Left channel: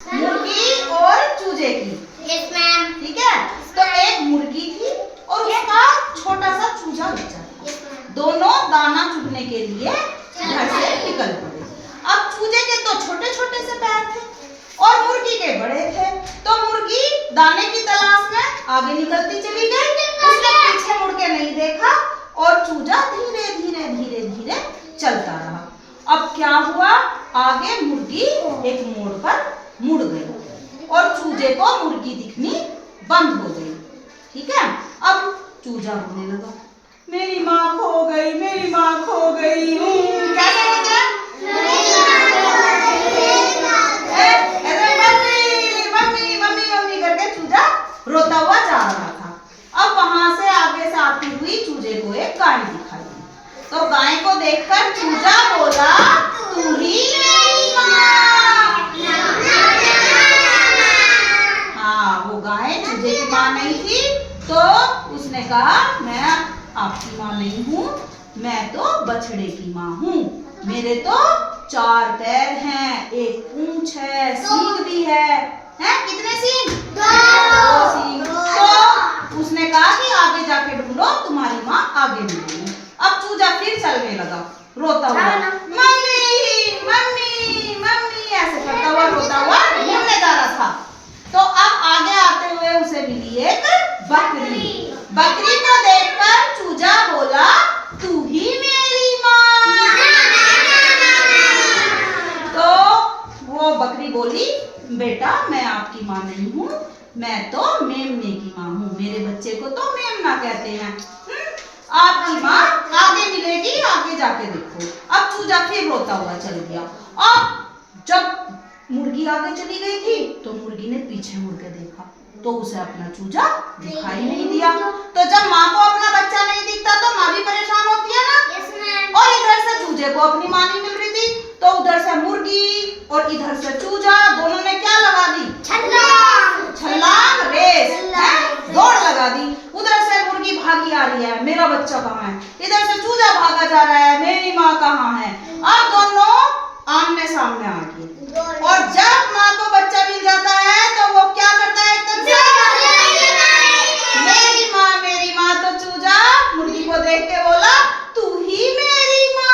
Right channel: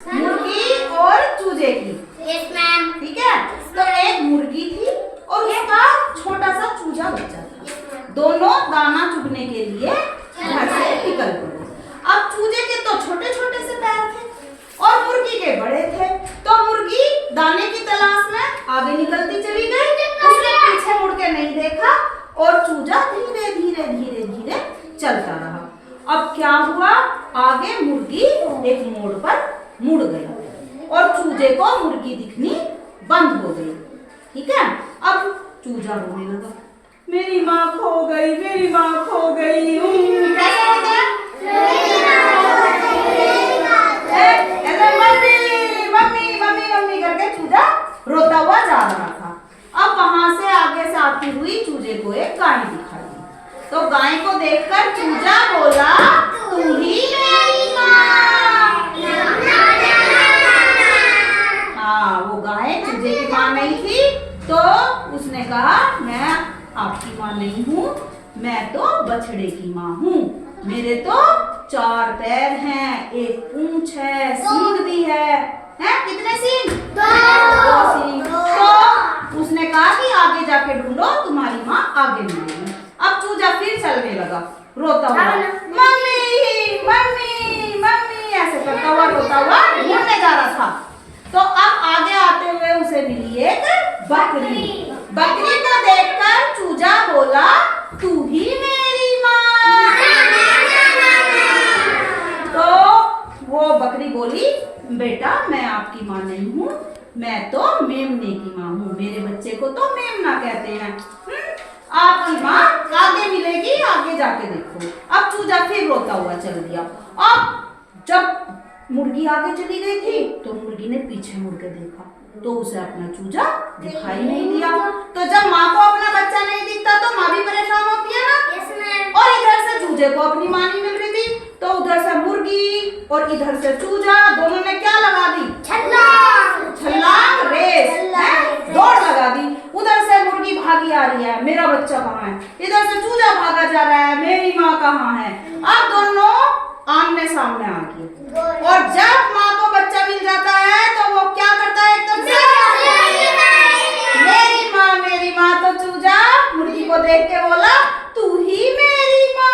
मुर्गी और चूजे की। Yes ma'am. ठीक है, तो एक मुर्गी थी और उसका छोटा सा चूजा बच्चा था। दोनों दाना चुगने के लिए घर से निकल पड़े। अब चूजे के तो छोटे छोटे से पैर थे और मुर्गी के बड़े थे, तो मुर्गी दाने की तलाश में आगे निकलती चली गई। उसने पीछे मुड़ के नहीं देखा और चूजा धीरे धीरे धीरे धीरे चलता रहा। अब क्या हुआ, आगे मुर्गी एक मोड़ पर मुड़ गई और चूजे को मुर्गी दिखनी बंद हो गई। ठीक है, अब चूजा रोने लगा, मेरी माँ खो गई, मेरी माँ खो गई। कैसे कहता है? मम्मी मम्मी मम्मी करके चूजा रोता हुआ जा रहा था। अब वहां से आगे से आती हुई चूजे को एक गाय दिखाई दी, तो गाय को देखकर चूजा बोला, तू ही मेरी माँ। हाँ, वो गाय चूजे की माँ नहीं थी, तो उसने कहा मैं आपकी माँ नहीं हूँ, मैं तो बछड़े की माँ हूँ। मेरे तो 4 पैर हैं, एक पूंछ है, सींग भी है। हैं कितने सींग? 2 सींग। तो उसने कहा कि आगे जाके ढूंढो, तुम्हारी माँ आगे मिलेगी। अब चूजा फिर चलने लगा रोता हुआ, मम्मी मम्मी मम्मी ऐसे करता हुआ रोता हुआ घूमने जा रहा था। तो अब आगे आते हुए उसे मिली एक बकरी। बकरी को देखकर चूजा बोला, तू ही मेरी माँ। तो वो बकरी बोली, बेटा मैं आपकी माँ नहीं हूँ, मैं तो मेमने की माँ हूँ, मेरे बच्चे को तो मेमना कहते हैं। आपकी माँ आगे मिलेगी, आगे जाके देखो। अब चूजा फिर रोता हुआ चल दिया। अब जब मुर्गी आगे चली गई थी तो मुर्गी ने पीछे मुड़ के देखा तो उसे अपना चूजा दिखाई नहीं दिया। तो जब माँ को अपना बच्चा नहीं दिखता तो माँ भी परेशान होती है ना। और इधर से चूजे को अपनी माँ नहीं मिल रही थी, तो उधर से मुर्गी और इधर से चूजा, दोनों ने क्या लगा दी? छलांग रेस, दौड़ लगा दी। उधर से मुर्गी भागी आ रही है, मेरा बच्चा कहाँ है? इधर से चूजा भागा जा रहा है, मेरी माँ कहाँ है? अब दोनों आमने सामने आ गए और जब माँ को बच्चा मिल जाता है तो वो क्या करता है? एकदम मेरी माँ। तो चूजा मुर्गी को देख के बोला, तू ही मेरी माँ।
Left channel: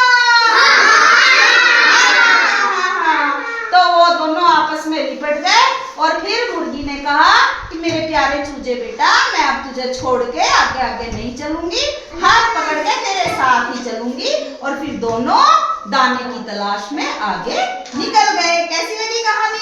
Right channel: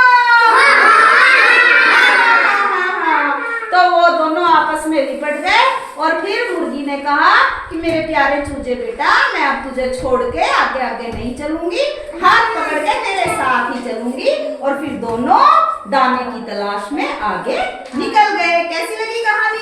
तो वो दोनों आपस में लिपट गए और फिर मुर्गी ने कहा कि मेरे प्यारे चूजे बेटा, मैं अब तुझे छोड़ के आगे आगे नहीं चलूंगी, हाथ पकड़ के तेरे साथ ही चलूंगी। और फिर दोनों दाने की तलाश में आगे निकल गए। कैसी लगी कहानी?